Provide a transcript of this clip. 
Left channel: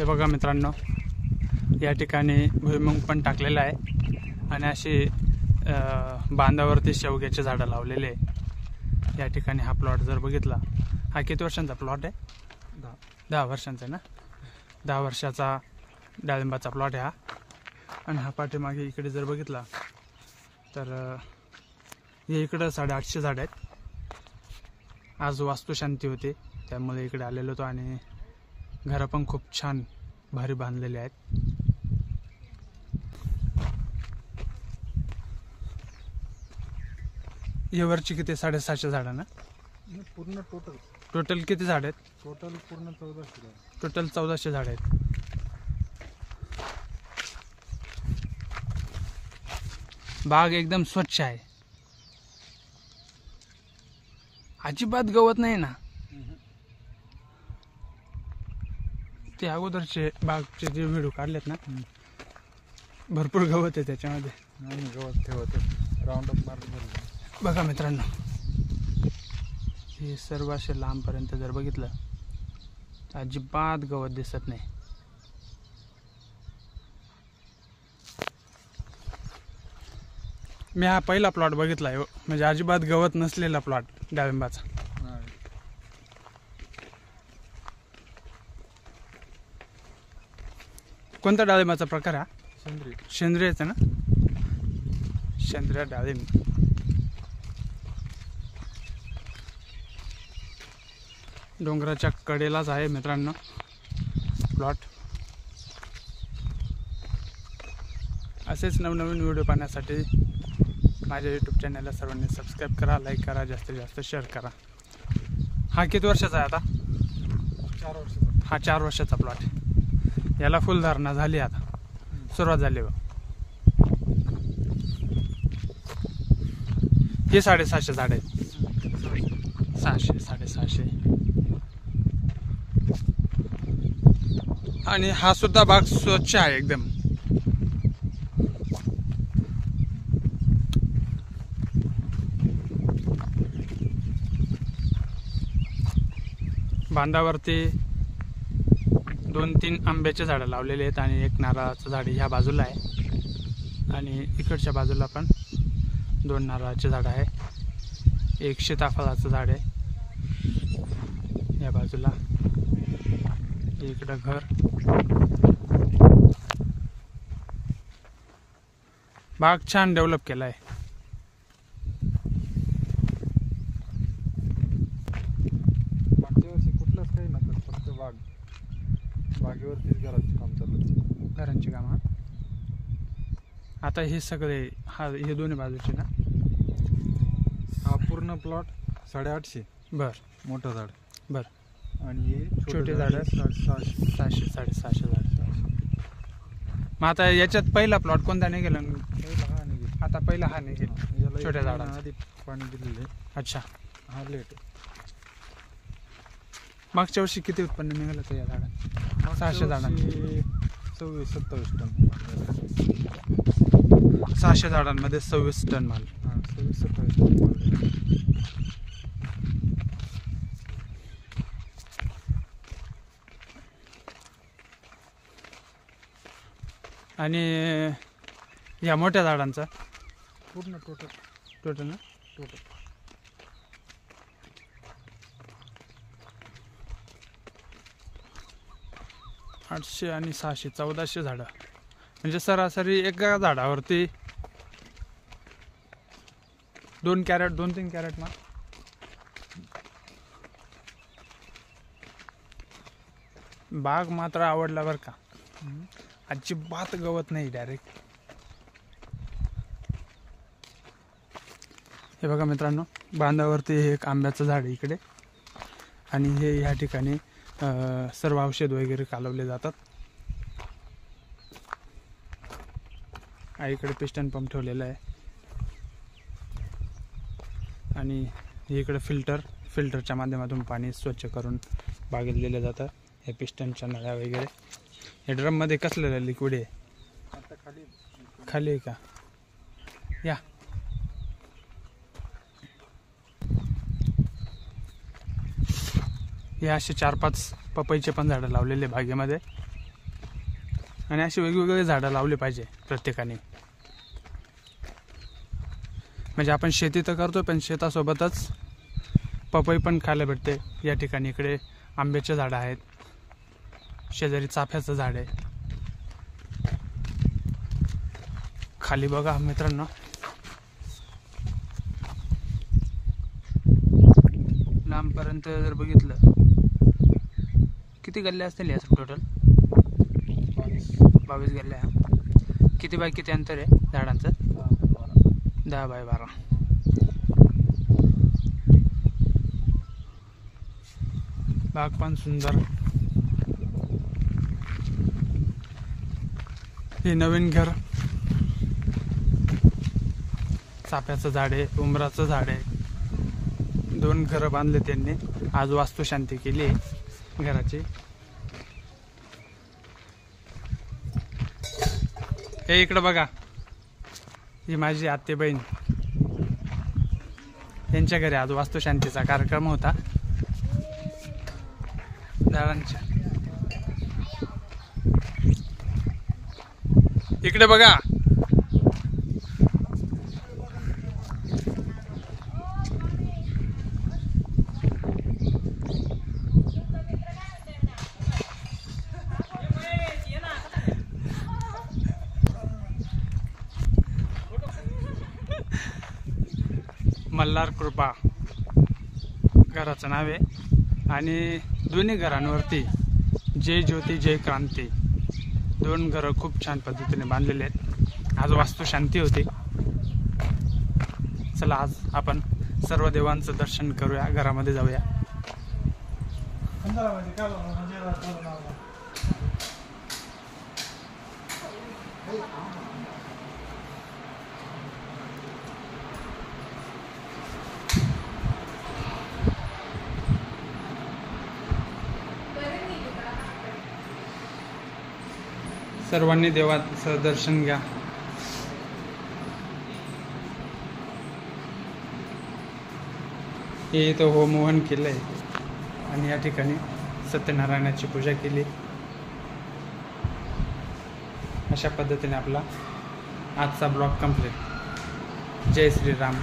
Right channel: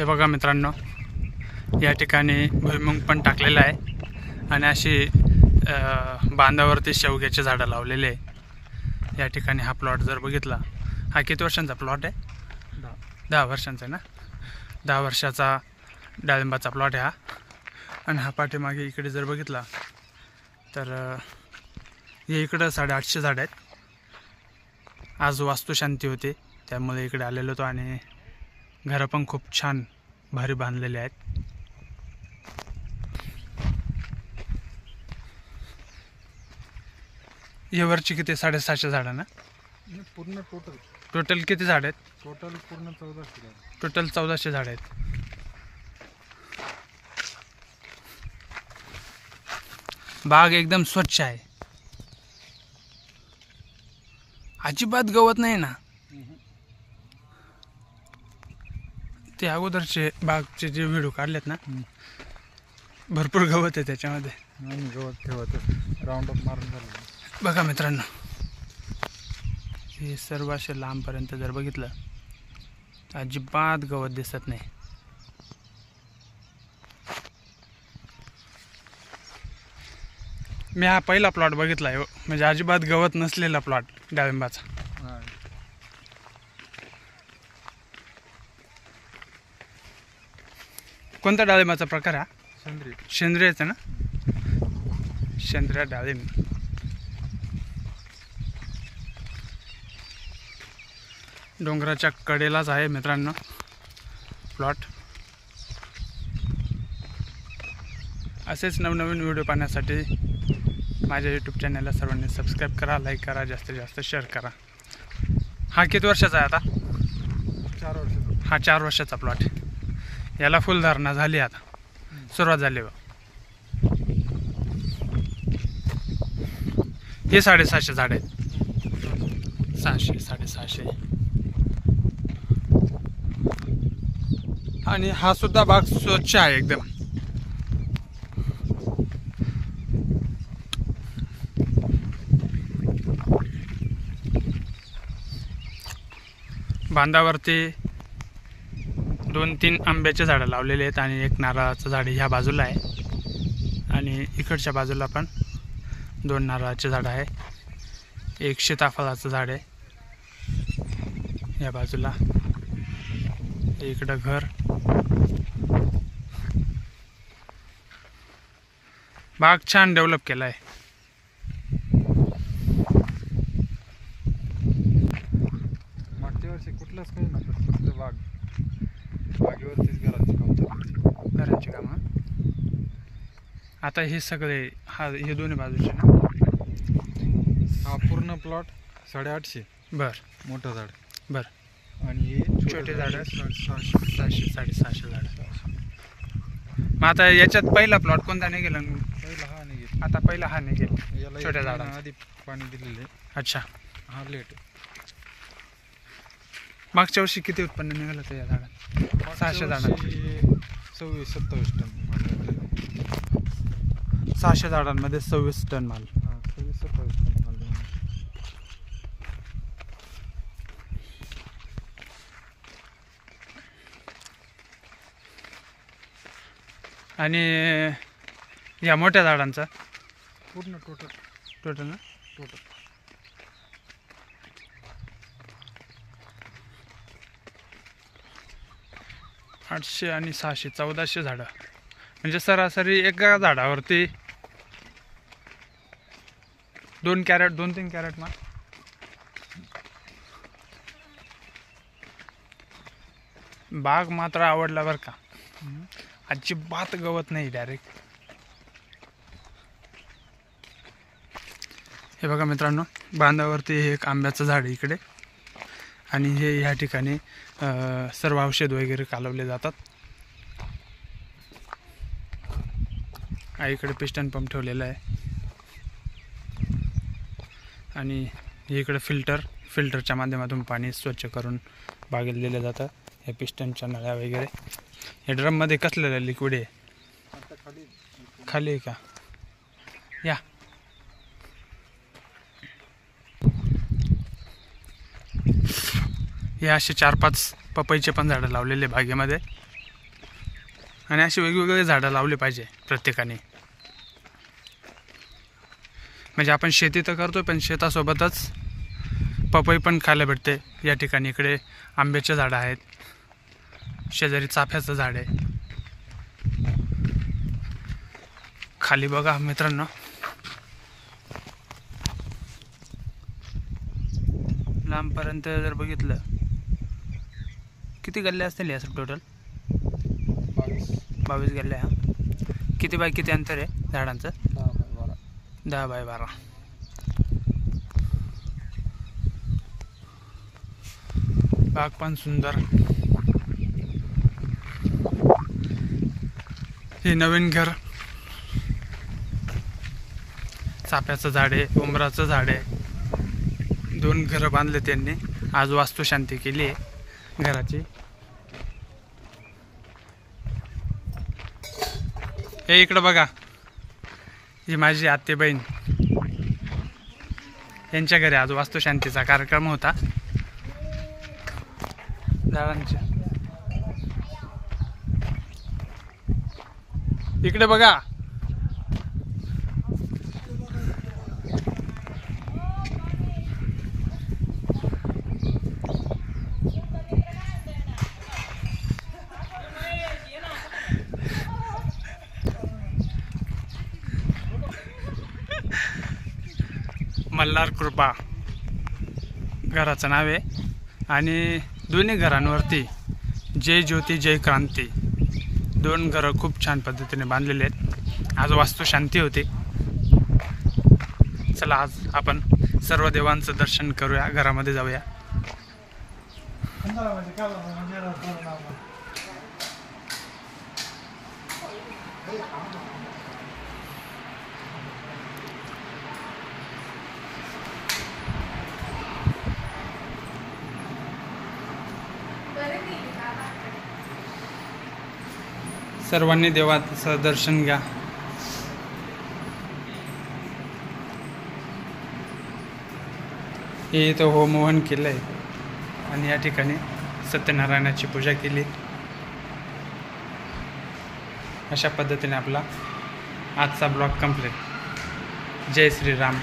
हे बघा मित्रांनो, या ठिकाणी भुईमुग पण टाकलेला आहे आणि अशी बांधावरती शेवग्याचे झाडं लावलेले आहे. या ठिकाणी हा प्लॉट जर बघितला, हा किती वर्षांचा प्लॉट आहे? 10 वर्षांचा आहे ना. 10 वर्षाचा डाळिंबाचा प्लॉट आहे हा. आणि हा पाठीमागे इकडे जर बघितला तर हे इकडं 850 झाड आहेत. आज वास्तुशांती होते त्यामुळे इकडे आलेलो होतो आणि घरं पण खूप छान भारी बांधलेले आहेत. या वरची किती 750 झाडं ना? पूर्ण टोटल किती झाड आहेत? टोटल पूर्ण 1400. टोटल 1400 झाड आहेत. बाग एकदम स्वच्छ आहे, अजिबात गवत नाही ना. ते अगोदरचे बागचे जे व्हिडिओ काढलेत ना, भरपूर गवत आहे त्याच्यामध्ये. गवत ठेवत राऊंड अप मारून झालं. बघा मित्रांनो, हे सर्व असे लांबपर्यंत जर बघितलं तर अजिबात गवत दिसत नाही. मी हा पहिला प्लॉट बघितला आहे, म्हणजे अजिबात गवत नसलेला प्लॉट डाळिंबाचा. कोणता डाळिंबाचा प्रकार हा? सेंद्रियच आहे ना, सेंद्रिय डाळिंब. डोंगराच्या कडेलाच आहे मित्रांनो प्लॉट. असेच नवनवीन व्हिडिओ पाहण्यासाठी माझ्या यूट्यूब चॅनलला सर्वांनी सबस्क्राईब करा, लाईक करा, जास्तीत जास्त शेअर करा. हा किती वर्षाचा आहे आता? 4 वर्षाचा. हा 4 वर्षाचा प्लॉट. याला फुलधारणा झाली, आता सुरुवात झाली. हे 750 झाड आहेत. 600 750. आणि हा सुद्धा बाग स्वच्छ आहे एकदम. बांधावरती 2-3 आंब्याचे झाडं लावलेले आहेत आणि एक नारळाचं झाड ह्या बाजूला आहे आणि इकडच्या बाजूला पण 2 नारळाचे झाडं आहे. एक सीताफळाचं झाड आहे या बाजूला. इकडं घर. बाग छान डेव्हलप केला आहे. मागच्या वर्षी कुठलंच काही नव्हतं, फक्त बागेवरतीच घरांची कामं. आता हे सगळे हे दोन्ही बाजूचे ना. हा पूर्ण प्लॉट 850. बर. मोठं झाड. बर. आणि हे छोटे झाडं 700 750 झाड. मग आता याच्यात पहिला प्लॉट कोणता नाही गेला? पहिला हा निघेल. आता पहिला हा नाही गेला छोट्या झाडांना आधी पाणी दिलेलं आहे. अच्छा. हा लेट. मागच्या वर्षी किती उत्पन्न निघालं तर या झाडात? 600 झाडांमध्ये 26-27 टन. 600 झाडांमध्ये 26 टन माल. 26-27 टन. आणि या मोठ्या झाडांचा पूर्ण टोटल ना? टोटल 800 आणि 600 1400 झाडं. म्हणजे सरासरी एका झाडावरती 2 कॅरेट 2-3 कॅरेट माल. बाग मात्र आवडला बरं का. अजिबात गवत नाही डायरेक्ट. हे बघा मित्रांनो, बांधावरती हे एक आंब्याचं झाड आहे इकडे आणि हे ह्या ठिकाणी सर्व औषध वगैरे कालवले जातात. इकडे पिस्टन पंप ठेवलेला आहे आणि इकडे फिल्टरच्या माध्यमातून पाणी स्वच्छ करून बागेत दिलं जातं. हे पिस्टनच्या नळ्या वगैरे. हे ड्रममध्ये कसलेलं लिक्विड आहे? खाली आहे का? या हे असे 4-5 पपईचे पण झाडं लावलेले बागेमध्ये. आणि अशी वेगवेगळी झाडं लावली पाहिजे प्रत्येकाने. म्हणजे आपण शेती तर करतो पण शेतासोबतच पपई पण खायला भेटते. या ठिकाणी इकडे आंब्याचे झाडं आहेत, शेजारी चाफ्याचं झाड आहे. खाली बघा मित्रांनो, लांबपर्यंत जर बघितलं किती गल्ल्या असतील याचं टोटल? 22 गल्ल्या. किती बाय किती अंतर आहे झाडांचं? 10 बाय 12. बाग पण सुंदर. हे नवीन घर, चाफ्याचं झाड आहे, उंबराचं झाड आहे. 2 घरं बांधले त्यांनी. आज वास्तुशांती केली आहे घराची. हे इकडं बघा, ही माझी आत्ते बहीण. यांच्या घरी आज वास्तुशांतीचा कार्यक्रम होता झाडांच्या. इकडे बघा, मल्हार कृपा घराचं नाव आहे. आणि दोन्ही घरांवरती जय ज्योती जय क्रांती 2 घरं खूप छान पद्धतीने बांधलेले आहेत. आज वास्तुशांती होती. चला आज आपण सर्व देवांचं दर्शन करूया, घरामध्ये जाऊया. सर्वांनी देवाचं दर्शन घ्या. हे इथं होमहवन केलंय आणि या ठिकाणी सत्यनारायणाची पूजा केली. अशा पद्धतीने आपला आजचा ब्लॉग कंप्लीट. जय श्रीराम.